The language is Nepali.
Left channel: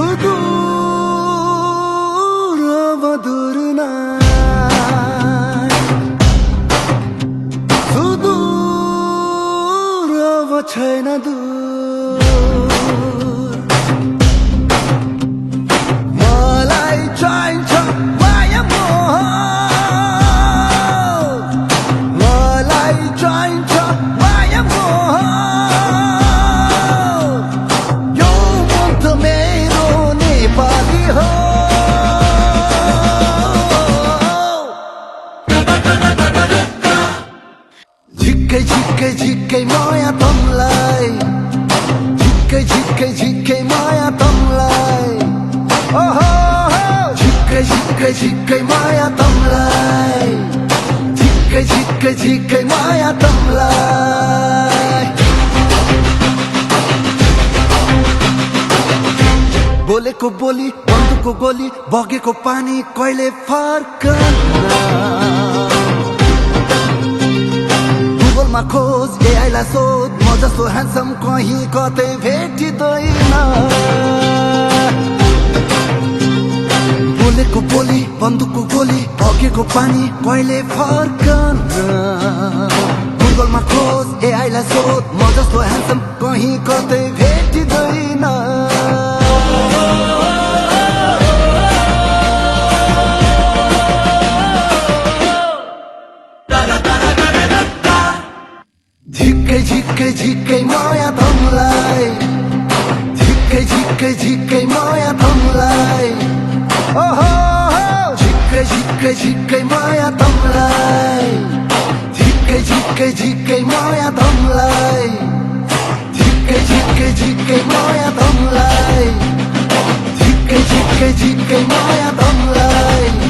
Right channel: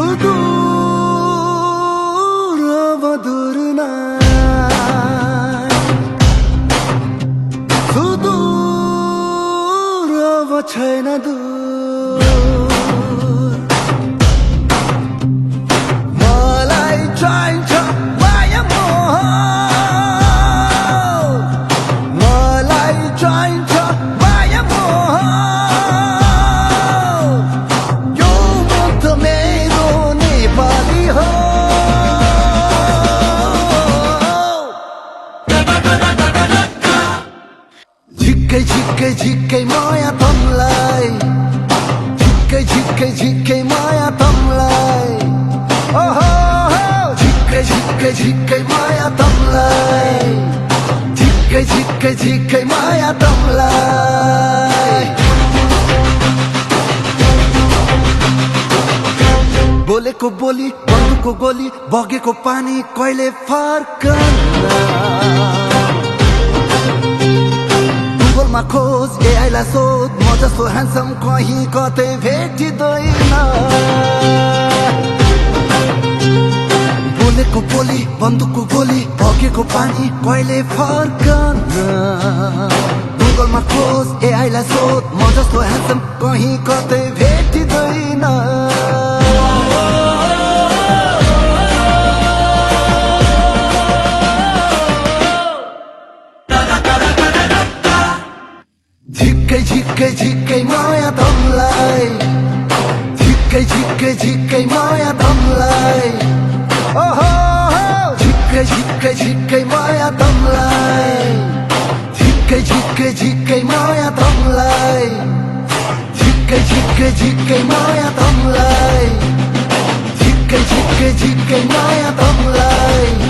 सुदूर मधुर नाई सुदूर छैन दूर मलाई चाहिन्छ माया मोह मलाई चाहिन्छ माया मोह यो मन त मेरो नेपाली हो झिक्कै झिक्कै झिक्कै माया तमलाई झिक्कै झिक्कै झिक्कै माया तमलाई ओहो झिक्कै झिक्कै झिक्कै माया तमलाई झिक्कै झिक्कै झिक्कै माया तमलाई बोलेको बोली बन्दुकको गोली बगेको पानी कहिले फर्कन्न गुगलमा खोज एआईलाई सोध म जस्तो ह्यान्डसम कहीँ कतै भेटिँदैन बोलेको बोली बन्दुकको गोली बगेको पानी कहिले फर्कन्न गुगलमा खोज एआईलाई सोध म जस्तो ह्यान्डसम कहीँ कतै भेटिँदैन झिक्कै झिक्कै झिक्कै माया तमलाई झिक्कै झिक्कै झिक्कै माया तमलाई ओहो झिक्कै झिक्कै झिक्कै माया तमलाई झिक्कै झिक्कै झिक्कै माया तमलाई झिक्कै झिक्कै झिक्कै माया तमलाई झिक्कै झिक्कै झिक्कै माया तमलाई